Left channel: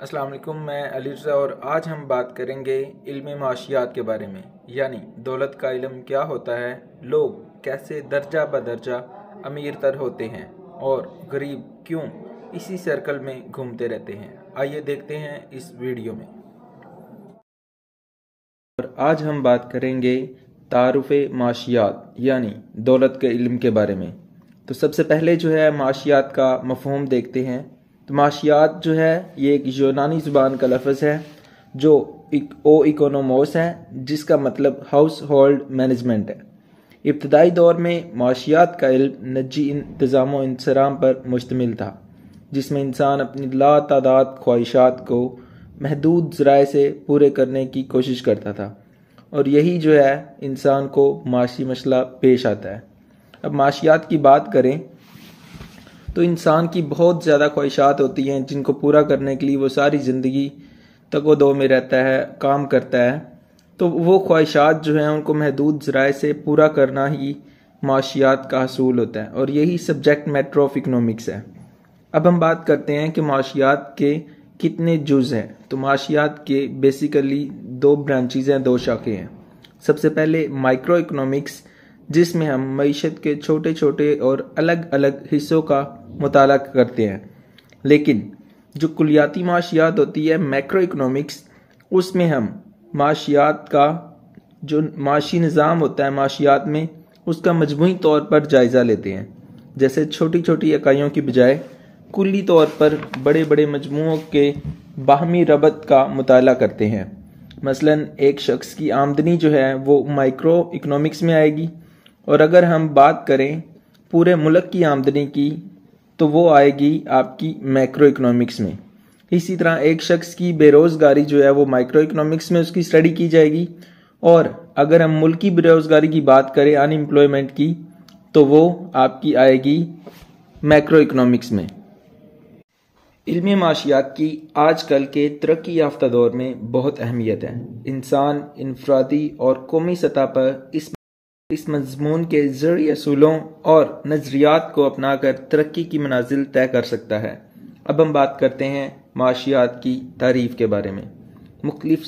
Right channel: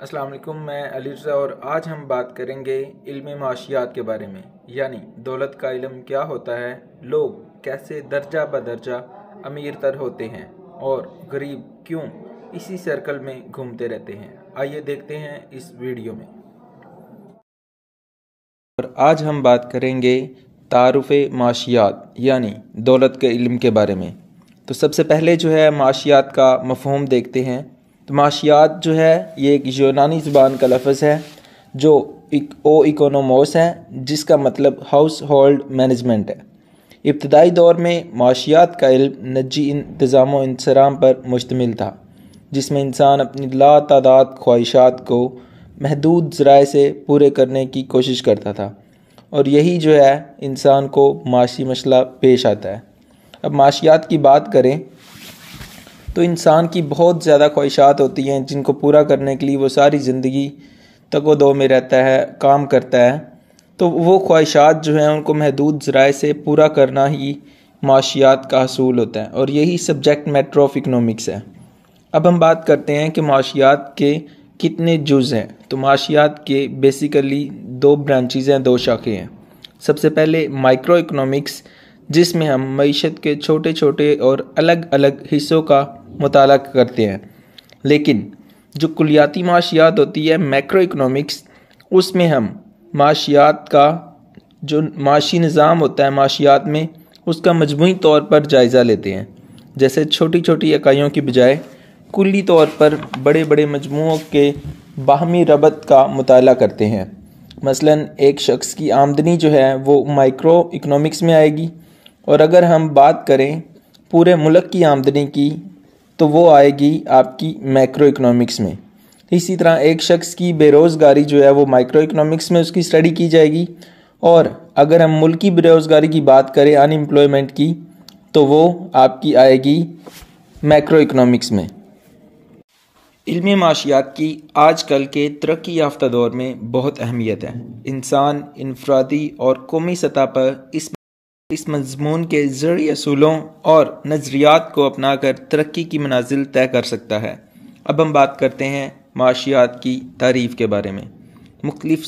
अस्सलाम वालेकुम, मैं अली रज़ा और आज हम बात करेंगे इल्म माशियात के बारे में। यानी दौलत का इल्म क्या होता है, लोग कैसे दर्जा बदर्जा अमीर तर होते हैं और गरीब क्यों इसी सर्कल में घूमते रहते हैं। आइए देखते हैं इस वीडियो में। और आज हम बात करेंगे तारुफ़ माशियात यानी दौलत के इल्म के बारे में। तो सबसे पहले जो है माशियात का मफ़हूम देखते हैं। तो माशियात जो है ये एक यूनानी ज़ुबान का लफ्ज़ है जो इकोनोमोस है, जिसका मतलब हाउस होल्ड मैनेजमेंट है। इब्तदाई दौर में माशियात का इल्म निजी इंतज़ाम व इंसराम पर मुश्तमिल था, जिसमें इंसान अपनी लातादाद ख्वाहिशात को महदूद ज़राए से पूरे करने की कोशिश करता था और यही जो है इंसान को माशी मसला पेश आता है। अब माशियात की बात करें तो इंसान की बहुत ज़्यादा ख्वाहिशात होती हैं जिनको पूरा करने के लिए वो सारी ज़िंदगी तगो-दो में रहता है, काम करता है। तो वो ख्वाहिशात जो हैं उनको महदूद ज़राए से पूरा करना ही माशियात का हसूल होता है और यही सब्जेक्ट मैटर ऑफ इकनॉमिक्स है। अब हम बात करते हैं कि माशियात के कितने जुज़ हैं। तो माशियात के बेसिकली दो ब्रांचेज़ हैं, दो शाखें हैं। सबसे पहले माइक्रो इकनॉमिक्स, जिसमें हम मईशत के छोटे छोटे और अलग अलग हिस्सों का मुताला करते हैं। लेकिन जो कुलियाती माशियात होती है मैक्रो इकनॉमिक्स, उसमें हम माशियात का जो माशी निज़ाम होता है माशियात में, उसका मजमूई तौर पर जायज़ा लेते हैं। जैसे छोटी छोटी इकाइयों की बजाय कुल्ली तौर पर बड़े बड़े मजमूओं के बाहमी रबत का मुताला करते हैं। मसलन एक शख्स की आमदनी जो है वो माइक्रो इकनॉमिक्स में आएगी और अगर हम बात करें पूरे मुल्क की आमदनी की तो वो आएगी आपकी मैक्रो इकनॉमिक्स में। इसी तरह एक शख्स की बेरोज़गारी जो है वो माइक्रो इकनॉमिक्स में उसकी स्टडी की जाएगी और अगर हम मुल्की बेरोज़गारी की बात करें अनएम्प्लॉयमेंट की तो वो आपकी आएगी मैक्रो इकनॉमिक्स में। इल्म माशियात की आजकल के तरक्की याफ्ता दौर में बहुत अहमियत है। इंसान इनफरादी और कौमी सतह पर इस मज़मून के ज़रूरी असूलों और नज़रियात को अपनाकर तरक्की की मनाजिल तय कर सकता है। अब हम बात करते हैं माशियात की तारीफ़ के बारे में। मुख्तलिफ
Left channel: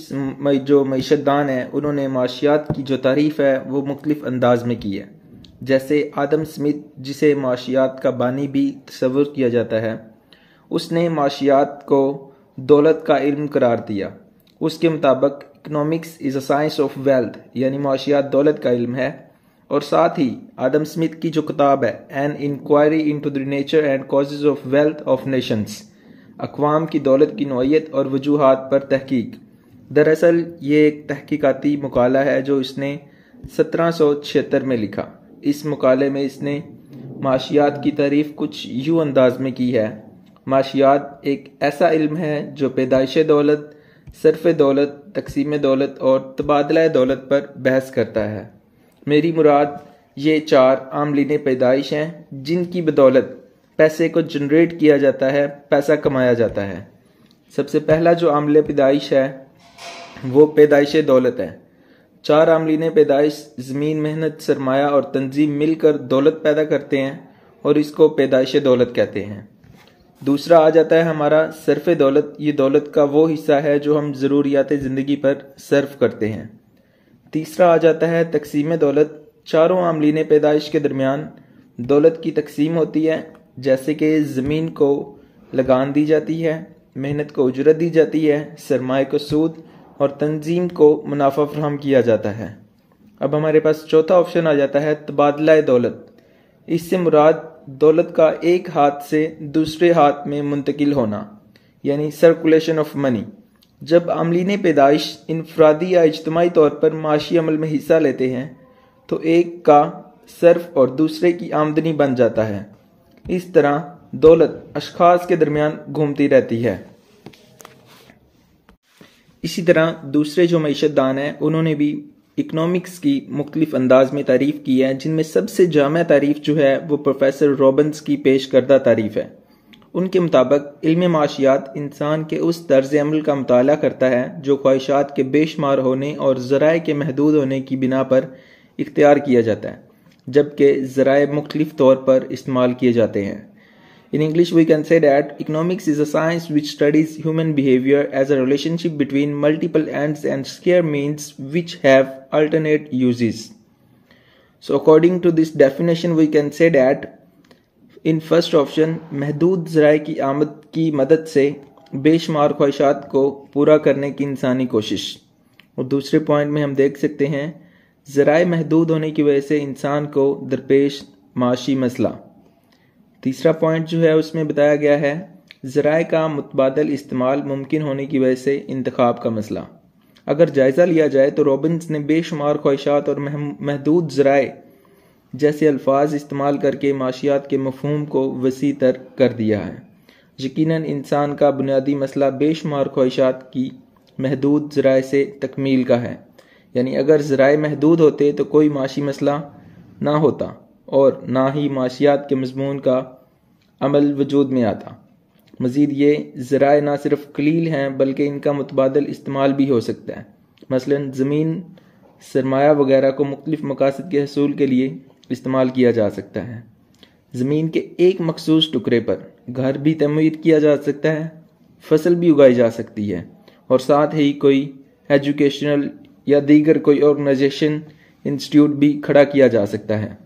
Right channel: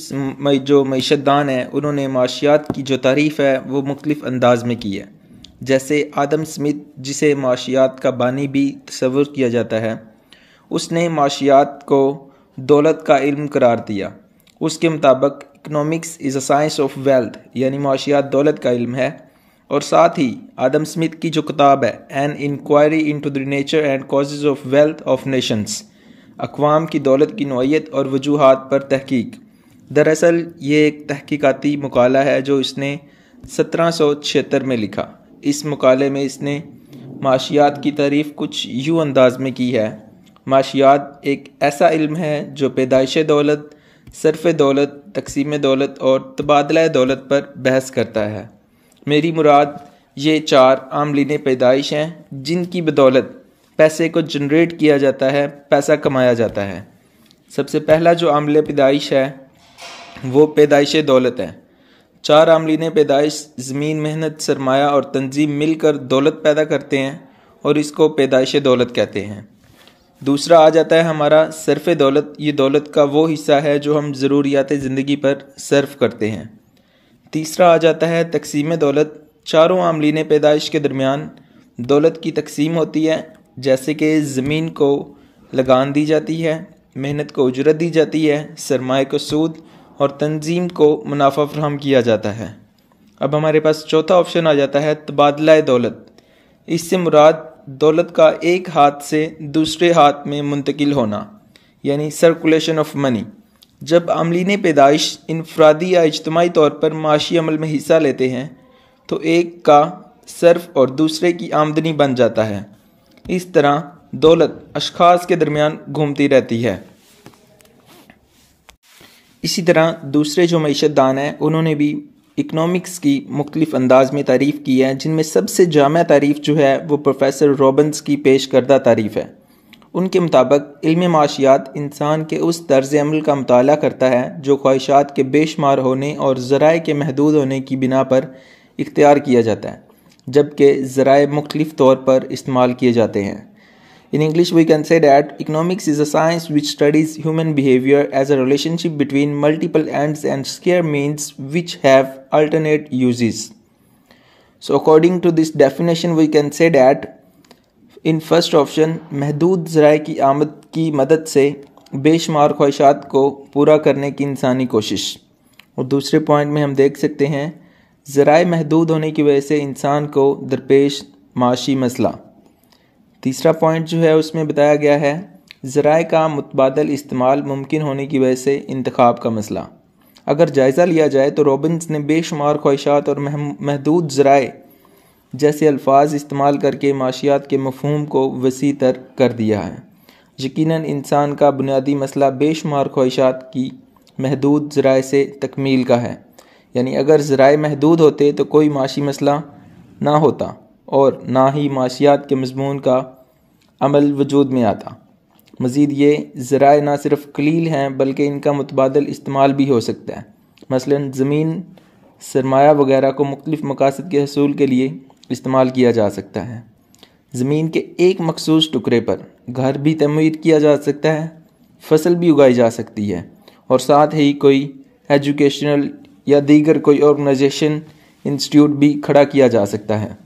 जो मईशतदान हैं उन्होंने माशियात की जो तारीफ़ है वो मुख्तलिफ अंदाज में की है। जैसे आदम स्मिथ, जिसे माशियात का बानी भी तस्वुर किया जाता है, उसने माशियात को दौलत का इल्म करार दिया। उसके मुताबिक economics is a science of wealth, यानी माशियात दौलत का इल्म है। और साथ ही आदम स्मिथ की जो किताब है an inquiry into the nature and causes of wealth of nations, अक़वाम की दौलत की नौइयत और वजूहात पर तहकीक, दरअसल ये एक तहकीकाती मकाला है जो इसने 1776 में लिखा। इस मकाले में इसने माशियात की तारीफ़ कुछ यूँ अंदाज में की है। माशियात एक ऐसा इल्म है जो पैदाइश दौलत, सर्फ़ दौलत, तकसीम दौलत और तबादला दौलत पर बहस करता है। मेरी मुराद ये 4 आमलीन पैदाइश हैं जिनकी बदौलत पैसे को जनरेट किया जाता है, पैसा कमाया जाता है। सबसे पहला जो आमले पैदाइश है वो पैदाइश दौलत है। 4 आमलीन पैदाइश ज़मीन, मेहनत, सरमाया और तंजीम मिलकर दौलत पैदा करते हैं और इसको पैदाइश दौलत कहते हैं। दूसरा आ जाता है हमारा सर्फ़ दौलत। ये दौलत का वो हिस्सा है जो हम ज़रूरियात ज़िंदगी पर सर्फ करते हैं। तीसरा आ जाता है तकसीम दौलत। चारों आमलीन पैदाइश के दरमियान दौलत की तकसीम होती है, जैसे कि ज़मीन को लगान दी जाती है, मेहनत को उजरत दी जाती है, सरमाए को सूद और तंजीम को मुनाफा फराहम किया जाता है। अब हमारे पास चौथा ऑप्शन आ जाता है तबादला दौलत। इससे मुराद दौलत का एक हाथ से दूसरे हाथ में मुंतकिल होना, यानी सर्कुलेशन ऑफ मनी। जब आमलीन पैदाइश इनफरादी या इज्तिमाई तौर पर माशी अमल में हिस्सा लेते हैं तो एक का सर्फ और दूसरे की आमदनी बन जाता है। इस तरह दौलत अशखास के दरमियान घूमती रहती है। इसी तरह दूसरे जो मईशतदान हैं उन्होंने भी इकनॉमिक्स की मुख्तलिफ अंदाज में तारीफ़ की है, जिनमें सबसे जामा तारीफ़ जो है वो प्रोफेसर रॉबिन्स की पेश करदा तारीफ़ है। उनके मुताबिक इल्म माशियात इंसान के उस तर्ज़ अमल का मुताला करता है जो ख्वाहिशात के बेशुमार होने और ज़राए के महदूद होने की बिना पर इख्तियार किया जाता है, जबकि ज़राए मुख्तलिफ तौर पर इस्तेमाल किए जाते हैं। In English, we can say that economics is a science which studies human behavior as a relationship between multiple ends and scarce means which have alternate uses. So according to this definition, we can say that in first option, महदूद ज़राए की आमद की मदद से बेशुमार ख्वाहिशात को पूरा करने की इंसानी कोशिश। और दूसरे पॉइंट में हम देख सकते हैं ज़राए महदूद होने की वजह से इंसान को दरपेश माशी मसला। तीसरा पॉइंट जो है उसमें बताया गया है ज़राए का मुतबादल इस्तेमाल मुमकिन होने की वजह से इंतखाब का मसला। अगर जायज़ा लिया जाए तो रॉबिन्स ने बेशुमार ख्वाहिशात और महदूद ज़राए जैसे अल्फाज इस्तेमाल करके माशियात के मफ़हूम को वसी तर कर दिया है। यकीनन इंसान का बुनियादी मसला बेशुमार ख्वाहिशात की महदूद ज़राए से तकमील का है, यानी अगर ज़राए महदूद होते तो कोई माशी मसला ना होता और ना ही माशियात के मज़मून का अमल वजूद में आता। मज़ीद ये ज़राए ना सिर्फ कलील हैं बल्कि इनका मुतबादल इस्तेमाल भी हो सकता है। मसलन ज़मीन, सरमाया वगैरह को मुख्तलिफ़ मकासद के हसूल के लिए इस्तेमाल किया जा सकता है। ज़मीन के एक मखसूस टुकड़े पर घर भी तमीर किया जा सकता है, फसल भी उगाई जा सकती है और साथ ही कोई एजुकेशनल या दीगर कोई ऑर्गेनाइजेशन, इंस्टीट्यूट भी खड़ा किया जा सकता है।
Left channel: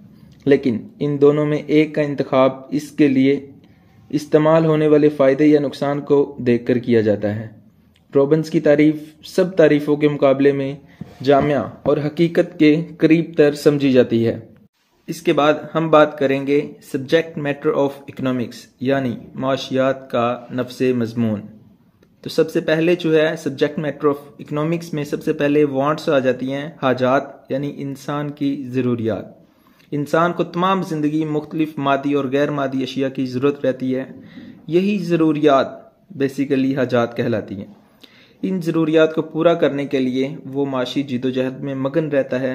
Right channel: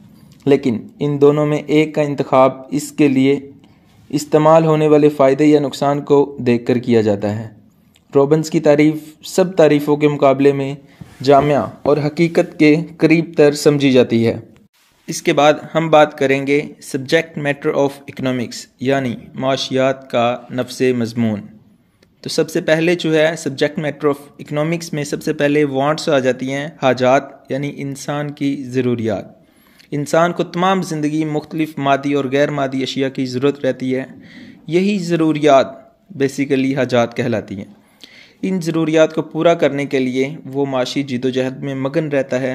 लेकिन इन दोनों में एक का इंतखाब इसके लिए इस्तेमाल होने वाले फ़ायदे या नुकसान को देखकर किया जाता है। रॉबिन्स की तारीफ़ सब तारीफ़ों के मुकाबले में जामिया और हकीकत के करीब तर समझी जाती है। इसके बाद हम बात करेंगे सब्जेक्ट मैटर ऑफ इकनॉमिक्स यानी माशियात का नफ्से मज़मून। तो सबसे पहले जो है सब्जेक्ट मैटर ऑफ इकनॉमिक्स में सबसे पहले वांट्स आ जाती हैं, हाजात यानी इंसान की ज़रूरियात। इंसान को तमाम ज़िंदगी मुख्तलिफ़ मादी और गैर मादी अशिया की ज़रूरत रहती है। यही ज़रूरियात बेसिकली हाजात कहलाती हैं। इन ज़रूरियात को पूरा करने के लिए वो माशी जिदोजहद में मगन रहता है।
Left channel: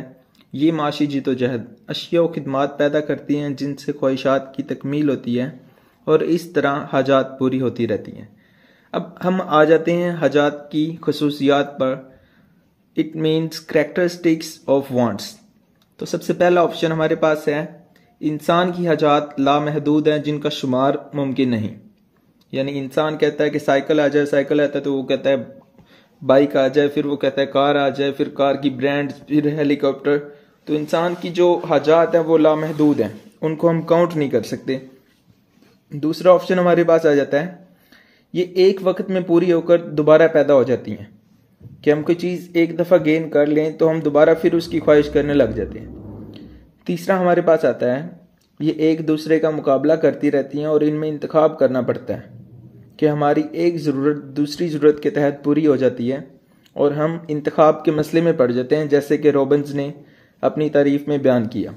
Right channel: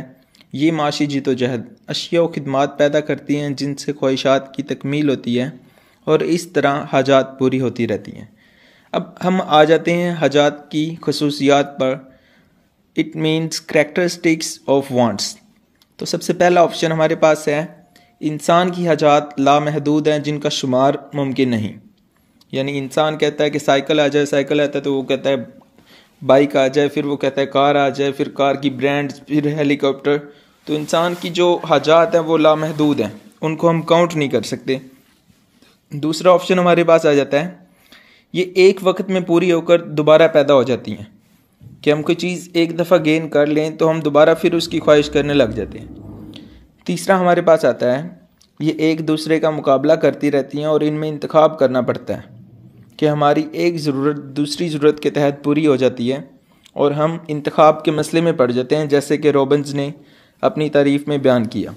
ये माशी जिदोजहद अशिया व खिदमात पैदा करती हैं जिनसे ख्वाहिशात की तकमील होती है और इस तरह हाजात पूरी होती रहती हैं। अब हम आ जाते हैं हाजात की खसूसियात पर। It means characteristics of wants. तो सबसे पहला ऑप्शन हमारे पास है इंसान की हाजात लामहदूद हैं जिनका शुमार मुमकिन नहीं। यानी इंसान कहता है कि साइकिल आ जाए, साइकिल आता है तो वो कहता है बाइक आ जाए, फिर वो कहता है कार आ जाए, फिर कार की ब्रांड, फिर हेलीकॉप्टर। तो इंसान की जो हाजात हैं वो लामहदूद हैं, उनको हम काउंट नहीं कर सकते। दूसरा ऑप्शन हमारे पास आ जाता है ये एक वक्त में पूरी होकर दोबारा पैदा हो जाती हैं कि हम कोई चीज़ एक दफ़ा गेन कर लें तो हम दोबारा फिर उसकी ख्वाहिश करने लग जाते हैं। तीसरा हमारे पास आता है ये एक दूसरे का मुकाबला करती रहती हैं और इनमें इंतखाब करना पड़ता है कि हमारी एक ज़रूरत दूसरी ज़रूरत के तहत पूरी हो जाती है और हम इंतखाब के मसले में पड़ जाते हैं, जैसे कि रॉबिन्स ने अपनी तारीफ़ में बयान किया।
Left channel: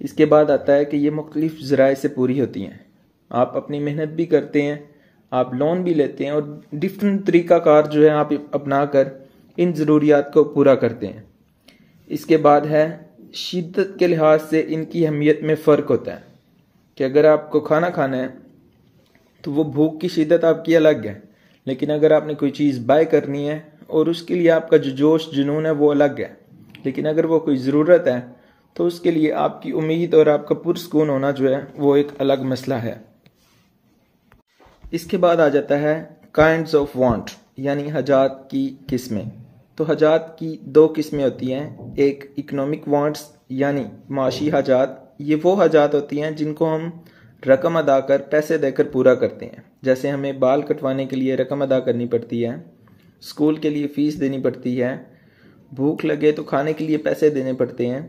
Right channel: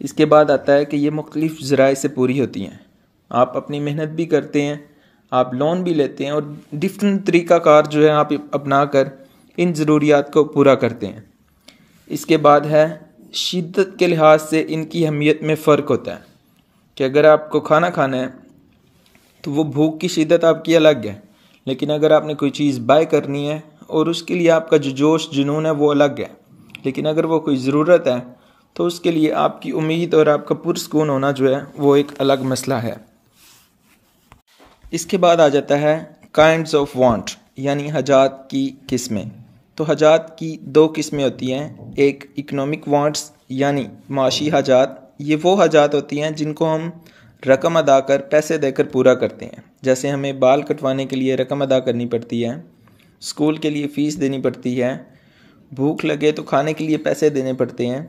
इसके बाद आता है कि ये मुख्तलिफ़ ज़राए से पूरी होती हैं। आप अपनी मेहनत भी करते हैं, आप लोन भी लेते हैं और डिफरेंट तरीक़ाकार जो है आप अपना कर इन ज़रूरियात को पूरा करते हैं। इसके बाद है शिद्दत के लिहाज से इनकी अहमियत में फ़र्क होता है कि अगर आपको खाना खाना है तो वो भूख की शिद्दत आपकी अलग है, लेकिन अगर आपने कोई चीज़ बाय करनी है और उसके लिए आपका जो जोश जुनून है वो अलग है। लेकिन अगर वो कोई ज़रूरत है तो उसके लिए आपकी उम्मीद और आपका पुरस्कून होना जो है वो एक अलग मसला है। इसके बाद आ जाता है काइंड्स ऑफ वांट यानी हाजात की किस्में। तो हाजात की दो किस्में होती हैं। एक इकोनॉमिक वांट्स यानी माशी हाजात। ये वो हाजात होती हैं जिनको हम रकम अदा कर पैसे देकर पूरा करते हैं। जैसे हमें बाल कटवाने के लिए रकम अदा करनी पड़ती है, स्कूल के लिए फ़ीस देनी पड़ती है, भूख लगे तो खाने के लिए पैसे देने पड़ते हैं।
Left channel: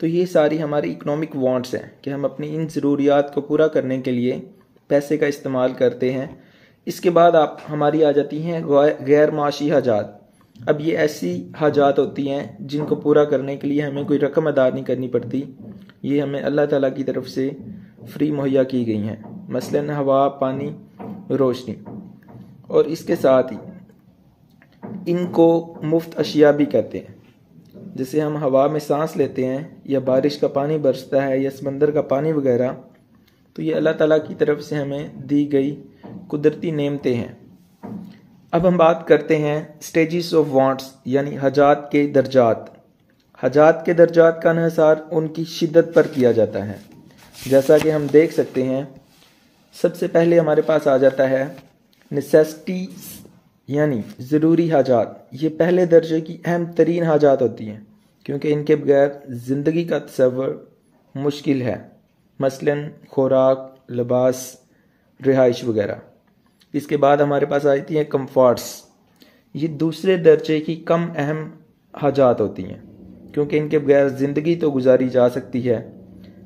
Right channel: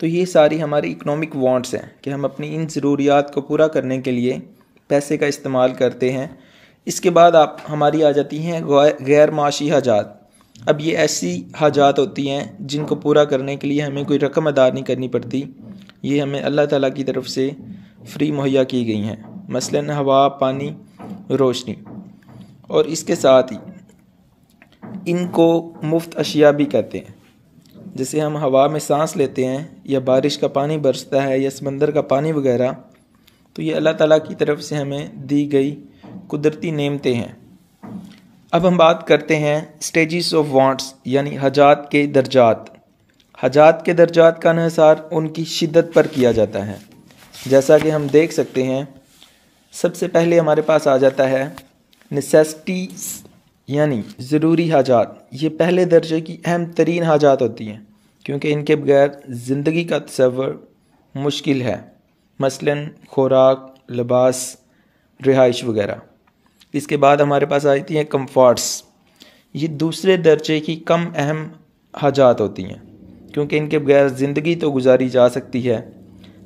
तो ये सारी हमारी इकोनॉमिक वांट्स हैं कि हम अपनी इन ज़रूरियात को पूरा करने के लिए पैसे का इस्तेमाल करते हैं। इसके बाद आप हमारी आ जाती हैं गैर माशी हाजात। अब ये ऐसी हाजात होती हैं जिनको पूरा करने के लिए हमें कोई रकम अदा नहीं करनी पड़ती। ये हमें अल्लाह ताला की तरफ से फ्री मुहैया की गई हैं, मसलन हवा, पानी, रोशनी। और इसके साथ ही इनको मुफ्त अशिया भी कहते हैं। जैसे हम हवा में सांस लेते हैं या बारिश का पानी बरसता है या समंदर का पानी वगैरह, तो ये अल्लाह ताला की तरफ से हमें दी गई कुदरती नेमतें हैं। अब हम बात करते हैं स्टेजेस ऑफ वांट्स यानी हाजात के दर्जात। हाजात के दर्जात का इन्हिसार उनकी शिद्दत पर किया जाता है। जैसा कि हम देख सकते हैं سب سے پہلے ہمارے پاس آ جاتا ہے نیسیسٹیز یعنی ضروری حاجات. یہ پہلے درجے کی اہم ترین حاجات ہوتی ہیں کیونکہ ان کے بغیر زندگی کا تصور مشکل ہے، مثلاً خوراک، لباس، رہائش وغیرہ. اس کے بعد ہمارے پاس آتی ہیں کمفارٹس. یہ دوسرے درجے کی کم اہم حاجات ہوتی ہیں کیونکہ ان کے بغیر زندگی تو گزاری جا سکتی ہے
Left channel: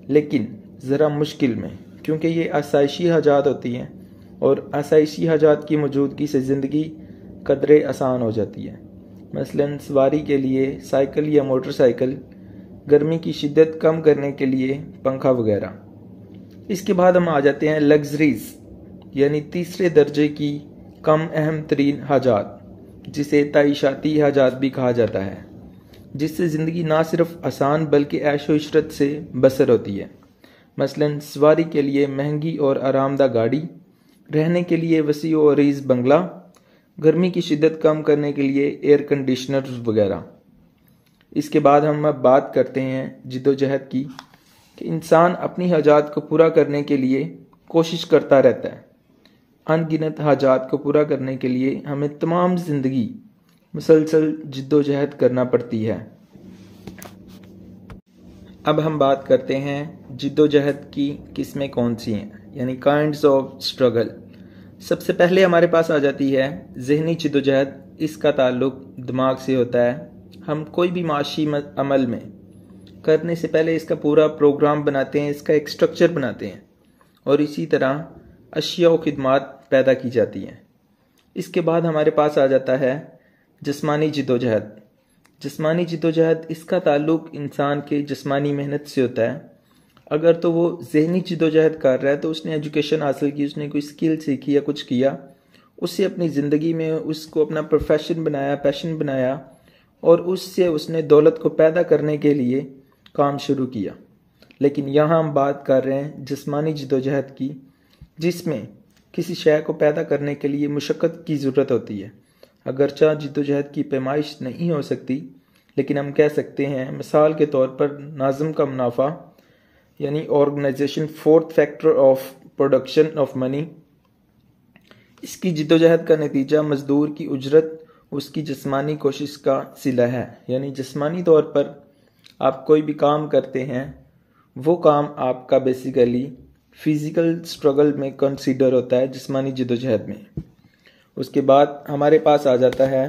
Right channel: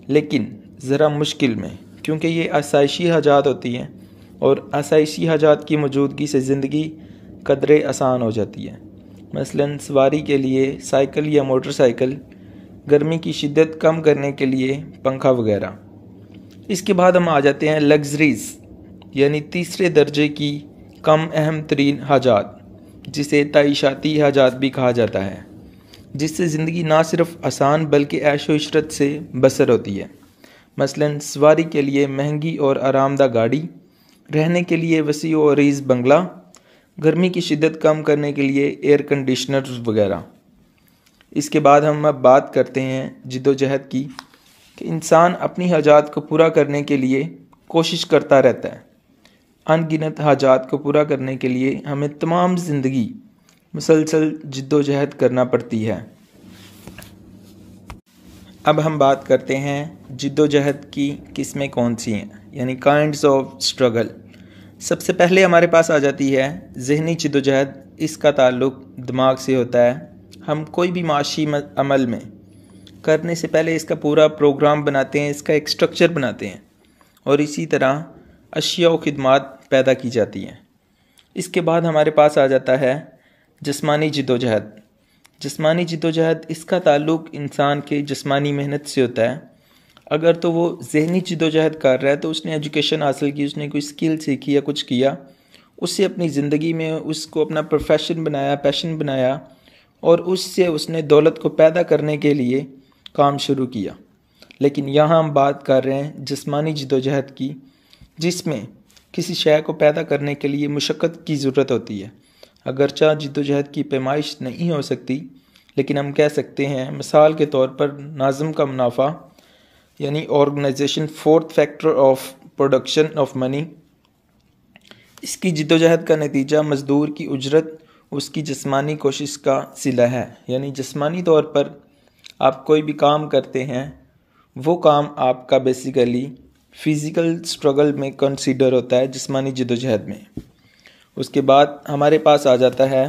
لیکن ذرا مشکل میں، کیونکہ یہ آسائشی حاجات ہوتی ہیں اور آسائشی حاجات کی موجودگی سے زندگی قدرے آسان ہو جاتی ہے. مثلاً سواری کے لیے سائیکل یا موٹر سائیکل، گرمی کی شدت کم کرنے کے لیے پنکھا وغیرہ. اس کے بعد ہم آ جاتے ہیں لگژریز یعنی تیسرے درجے کی کم اہم ترین حاجات، جسے تعیشاتی حاجات بھی کہا جاتا ہے، جس سے زندگی نہ صرف آسان بلکہ عیش و عشرت سے بسر ہوتی ہے. مثلاً سواری کے لیے مہنگی اور آرام دہ گاڑی، رہنے کے لیے وسیع و عریض بنگلہ، گرمی کی شدت کم کرنے کے لیے ایئر کنڈیشنرز وغیرہ. اس کے بعد ہم اب بات کرتے ہیں جد و جہد کی، کہ انسان اپنی حاجات کو پورا کرنے کے لیے کوشش کرتا رہتا ہے. ان گنت حاجات کو پورا کرنے کے لیے ہمیں تمام زندگی مسلسل جد و جہد کرنا پڑتی ہے. اب ہم بات کرتے ہیں جد و جہد کی قسمیں کون سی ہیں، یعنی کائنڈز آف اسٹرگل. سب سے پہلے ہمارے پاس آ جاتی ہے ذہنی جد و جہد. اس کا تعلق دماغ سے ہوتا ہے. ہم کوئی بھی معاشی عمل میں کرنے سے پہلے اس کا پورا پروگرام بناتے ہیں، اس کا ایک سٹرکچر بناتے ہیں اور اسی طرح اشیاء و خدمات پیدا کی جاتی ہیں. اس کے بعد ہمارے پاس آ جاتا ہے جسمانی جد و جہد. جسمانی جد و جہد اس کا تعلق انسان کے جسمانی محنت سے ہوتا ہے. اگر تو وہ ذہنی جد و جہد کر رہا ہے تو اس نے ایجوکیشن حاصل کی، اس نے کوئی سکل سیکھی یا کچھ کیا، اس سے اپنی زندگی میں اس کو اپنا پروفیشن بنایا، پیشن بنایا اور اس سے اس نے دولت کو پیدا کرنے کے لیے کام شروع کیا. لیکن یہاں ہم بات کر رہے ہیں جسمانی جد و جہد کی، جس میں کسی شے کو پیدا کرنے کے لیے مشقت کی ضرورت ہوتی ہے. اگرچہ جد و جہد کی پیمائش نہیں ہو سکتی لیکن ہم کہہ سکتے ہیں مثال کے طور پر ناظم کا منافع یعنی organization fourth factor of production of money. اس کی جد و جہد کا نتیجہ مزدور کی اجرت اس کی جسمانی کوشش کا صلہ ہے. یعنی جسمانی طور پر آپ کوئی بھی کام کرتے ہیں، وہ کام آپ کا بیسیکلی فزیکل سٹرگل میں کنسیڈر ہوتا ہے، جسمانی جد و جہد میں. اس کے بعد ہمارے پاس آ جاتا ہے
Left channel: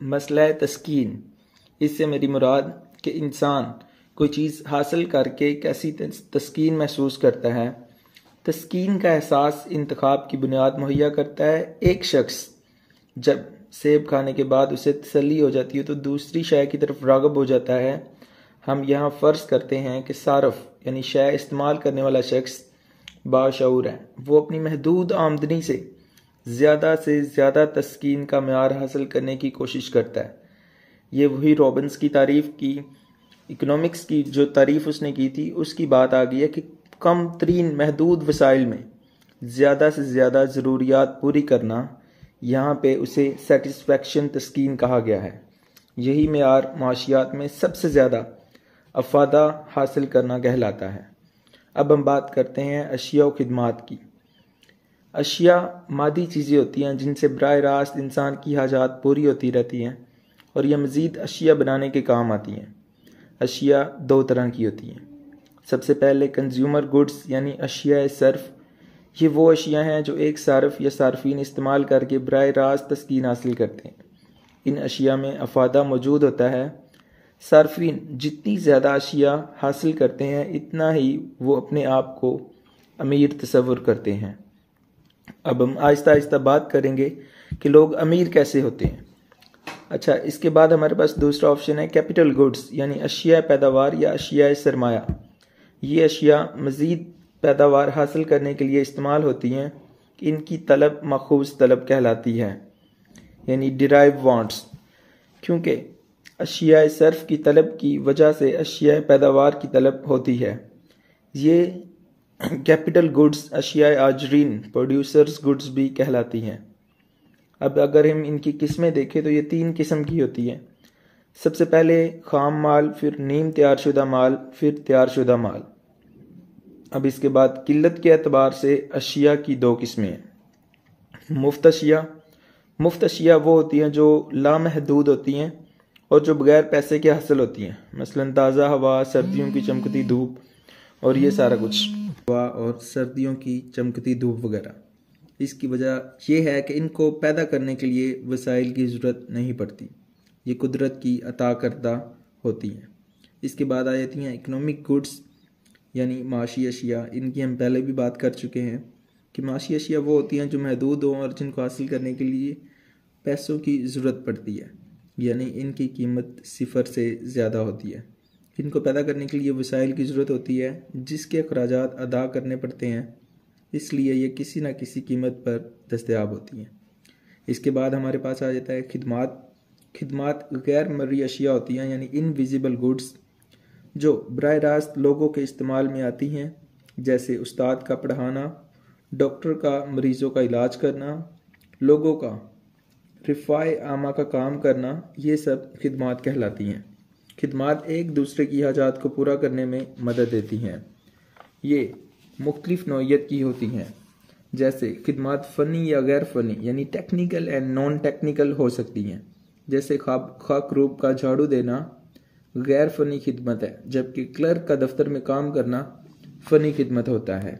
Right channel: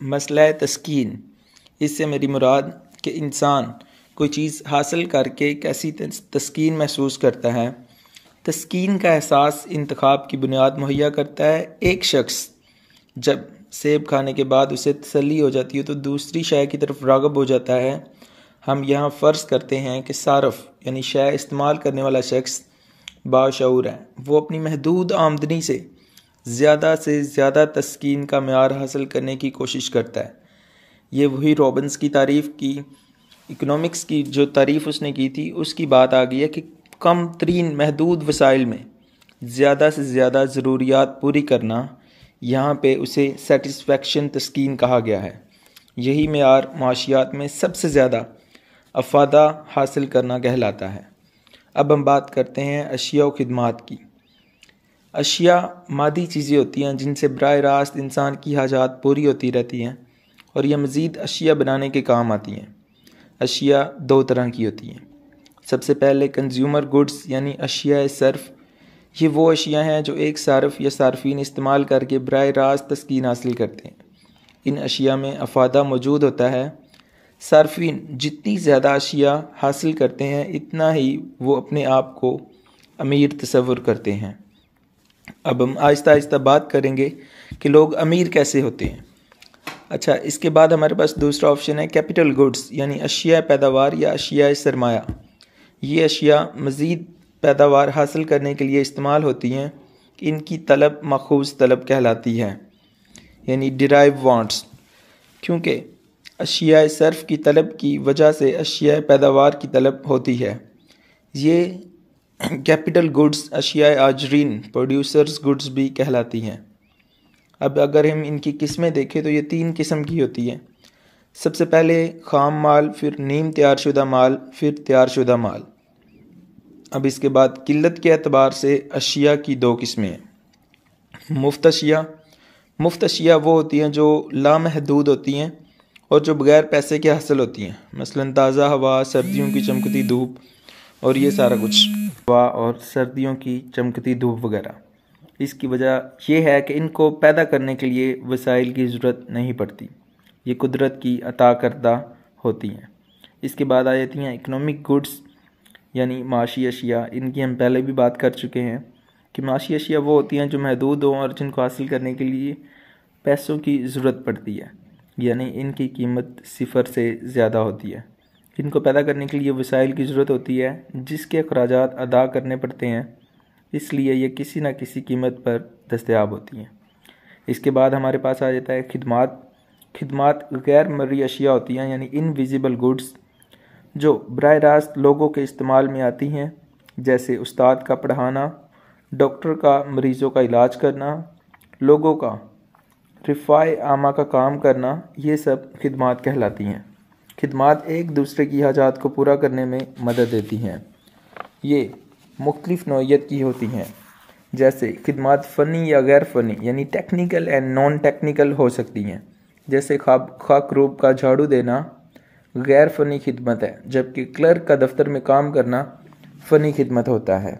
مسئلہ تسکین. اس سے میری مراد کہ انسان کوئی چیز حاصل کر کے کیسی تسکین محسوس کرتا ہے. تسکین کا احساس انتخاب کی بنیاد مہیا کرتا ہے. ایک شخص جب سیب کھانے کے بعد اسے تسلی ہو جاتی ہے تو دوسری شے کی طرف راغب ہو جاتا ہے. ہم یہاں فرض کرتے ہیں کہ صارف یعنی شے استعمال کرنے والا شخص باشعور ہے، وہ اپنی محدود آمدنی سے زیادہ تسکین کا معیار حاصل کرنے کی کوشش کرتا ہے. یہ وہی رابنس کی تعریف کی، اکنامکس کی جو تعریف اس نے کی تھی، اس کی بات آ گئی ہے کہ کم ترین محدود وسائل میں زیادہ سے زیادہ ضروریات پوری کرنا، یہاں پہ اسے سیٹسفیکشن تسکین کہا گیا ہے. یہی معیار معاشیات میں سب سے زیادہ افادہ حاصل کرنا کہلاتا ہے. اب ہم بات کرتے ہیں اشیاء و خدمات کی. اشیاء مادی چیزیں ہوتی ہیں جن سے براہ راست انسان کی حاجات پوری ہوتی رہتی ہیں اور یہ مزید اشیاء بنانے کے کام آتی ہیں. اشیاء دو طرح کی ہوتی ہیں. سب سے پہلے کنزیومر گڈز یعنی اشیاء صرف. یہ وہ اشیاء ہیں جو ایک صارف یا صارفین استعمال کر کے براہ راست تسکین حاصل کرتے ہیں. ان اشیاء میں افادہ موجود ہوتا ہے. صارفین جتنی زیادہ اشیاء حاصل کرتے ہیں اتنا ہی وہ اپنے آپ کو امیر تصور کرتے ہیں. اب ہم آہستہ آہستہ بات کریں گے کہ لوگ امیر کیسے ہوتے ہیں. اچھا، اس کے بعد ہمارے پاس دوسرا آپشن ہے کیپٹل گڈز یعنی اشیاء پیداوار یا اشیاء سرمایہ. یہ اشیاء مزید پیداوار حاصل کرنے کے لیے استعمال ہوتی ہیں. ان کی طلب ماخوذ طلب کہلاتی ہے یعنی ڈرائیو وانٹس. کیونکہ اشیاء صرف کی طلب کی وجہ سے اشیاء پیداوار کی طلب ہوتی ہے. یہ کیپٹل گڈز اشیاء آجرین پروڈیوسرز گڈز بھی کہلاتی ہیں. اب اگر ہم ان کی قسمیں دیکھیں تو یہ 3 قسم کی ہوتی ہیں. سب سے پہلے خام مال، پھر نیم تیار شدہ مال، پھر تیار شدہ مال. اب اس کے بعد قلت کے اعتبار سے اشیاء کی دو قسمیں ہیں۔ مفت اشیاء، مفت اشیاء وہ ہوتی ہیں جو لامحدود ہوتی ہیں اور جو بغیر پیسے کے حاصل ہوتی ہیں، مثلا تازہ ہوا، سردیوں کی چمکتی دھوپ اور یہ سارا کچھ، ہوا اور سردیوں کی چمکتی دھوپ وغیرہ۔ اس کی وجہ یہ ہے کہ ان کو پیدا کرنے کے لیے وسائل کی ضرورت نہیں پڑتی، یہ قدرت کی عطا کردہ ہوتی ہیں۔ اس کے بعد آ جاتی ہیں اکنامک گڈس یعنی معاشی اشیاء۔ ان کی ہم پہلے بھی بات کر چکے ہیں کہ معاشی اشیاء وہ ہوتی ہیں جو محدود ہوں اور جن کو حاصل کرنے کے لیے پیسوں کی ضرورت پڑتی ہے، یعنی ان کی قیمت صفر سے زیادہ ہوتی ہے۔ ان کو پیدا کرنے کے لیے وسائل کی ضرورت ہوتی ہے جس کے اخراجات ادا کرنے پڑتے ہیں، اس لیے یہ کسی نہ کسی قیمت پر دستیاب ہوتی ہیں۔ اس کے بعد ہمارے پاس آ جاتا ہے خدمات۔ خدمات غیر مرئی اشیاء ہوتی ہیں یعنی انویزیبل گڈس، جو براہ راست لوگوں کے استعمال میں آتی ہیں، جیسے استاد کا پڑھانا، ڈاکٹر کا مریضوں کا علاج کرنا، لوگوں کا رفاع عامہ کا کام کرنا، یہ سب خدمات کہلاتی ہیں۔ خدمات ایک دوسرے کی حاجات کو پورا کرنے میں مدد دیتی ہیں۔ یہ مختلف نوعیت کی ہوتی ہیں، جیسے خدمات فنی یا غیر فنی یعنی ٹیکنیکل اینڈ نان ٹیکنیکل ہو سکتی ہیں، جیسے خاک روب کا جھاڑو دینا غیر فنی خدمت ہے، جبکہ کلرک کا دفتر میں کام کرنا فنی خدمت ہوتا ہے۔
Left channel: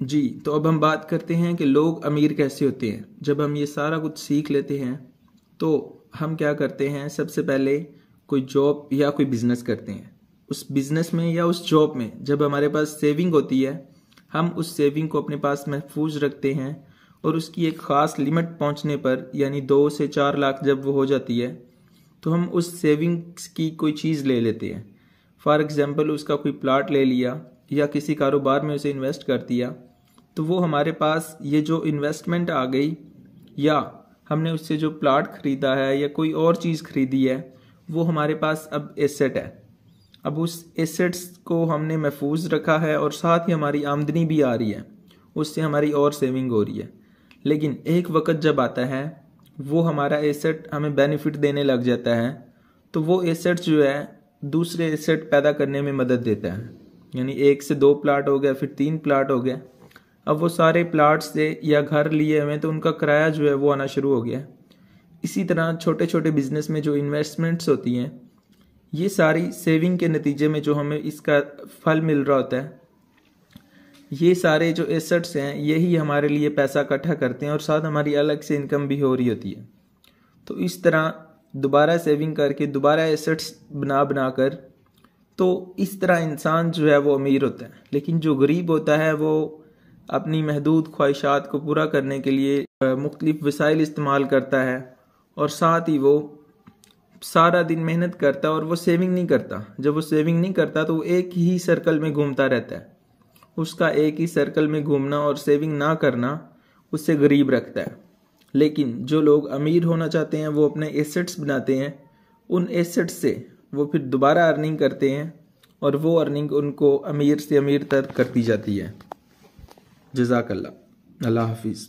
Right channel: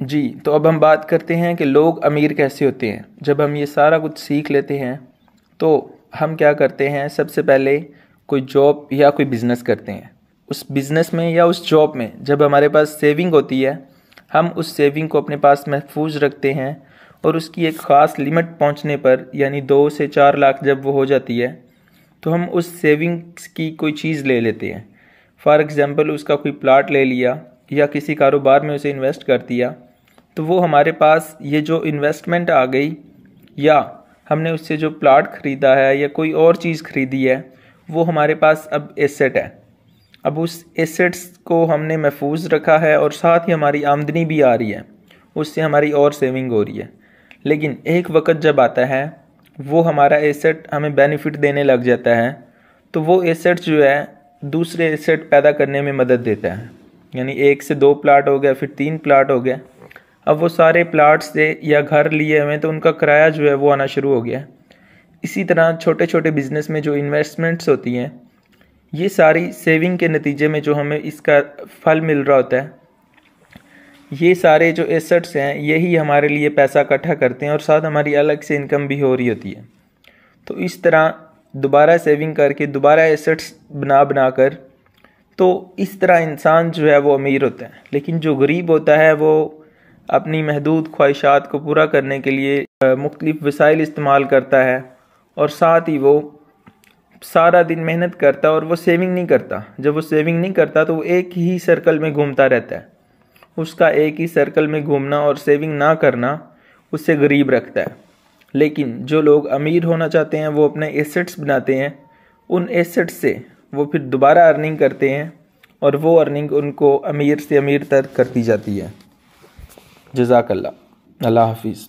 جی تو اب ہم بات کرتے ہیں کہ لوگ امیر کیسے ہوتے ہیں۔ جب ہم یہ سارا کچھ سیکھ لیتے ہیں تو ہم کیا کرتے ہیں، سب سے پہلے کوئی جاب یا کوئی بزنس کرتے ہیں۔ اس بزنس میں یا اس جاب میں جب ہمارے پاس سیونگ ہوتی ہے، ہم اس سیونگ کو اپنے پاس محفوظ رکھتے ہیں اور اس کی ایک خاص لمٹ پہنچنے پر یعنی 2 سے 4 لاکھ جب وہ ہو جاتی ہے تو ہم اس سیونگز کی کوئی چیز لے لیتے ہیں۔ فار ایگزامپل اس کا کوئی پلاٹ لے لیا یا کسی کاروبار میں اسے انویسٹ کر دیا، تو وہ ہمارے پاس یہ جو انویسٹمنٹ آ گئی یا ہم نے اس سے جو پلاٹ خریدا ہے یا کوئی اور چیز خریدی ہے، وہ ہمارے پاس اب ایسٹ ہے۔ اب اس ایسٹس کو ہم نے محفوظ رکھا ہے اور ساتھ ہی ہماری آمدنی بھی آ رہی ہے، اس سے ہماری اور سیونگ ہو رہی ہے۔ لیکن ایک وقت جب آتا ہے وہ ہمارا ایسٹ ہمیں بینیفٹ دینے لگ جاتا ہے، تو وہ ایسٹ جو ہے دوسرے ایسٹ پیدا کرنے میں مدد دیتا ہے، یعنی 1 سے 2 پلاٹ ہو گیا، پھر 3 پلاٹ ہو گیا۔ اب وہ سارے پلاٹ سے یا گھر لیے ہوئے تو ان کا کرایہ جو ہے وہ آنا شروع ہو گیا۔ اسی طرح چھوٹے چھوٹے بزنس میں جو انویسٹمنٹس ہوتی ہیں، یہ ساری سیونگ کے نتیجے میں جو ہمیں اس کا پھل مل رہا ہوتا ہے، یہ سارے جو ایسٹس ہیں یہی ہمارے لیے پیسہ اکٹھا کرتے ہیں اور ساتھ ہماری الگ سے انکم بھی ہو رہی ہوتی ہے۔ تو اس طرح دوبارہ سیونگ کر کے دوبارہ ایسٹس بنا کر، تو اس طرح انسان جو ہے وہ امیر ہوتا ہے۔ لیکن جو غریب ہوتا ہے وہ اپنی محدود خواہشات کو پورا کرنے کے لیے مختلف وسائل استعمال کرتا ہے اور ساتھ ہی وہ سارا دن محنت کرتا ہے اور وہ سیونگ نہیں کرتا۔ جب وہ سیونگ نہیں کرتا تو وہ ایک ہی سرکل میں گھومتا رہتا ہے۔ اس کا ایک ہی سرکل میں گھومنا اور سیونگ نہ کرنا اس سے غریب رکھتا ہے۔ لیکن جو لوگ امیر ہونا چاہتے ہیں وہ اپنے ایسٹس بناتے ہیں، ان ایسٹس سے وہ پھر دوبارہ ارننگ کرتے ہیں اور وہ ارننگ ان کو امیر سے امیر تر کرتی جاتی ہے۔ جزاک اللہ، اللہ حافظ۔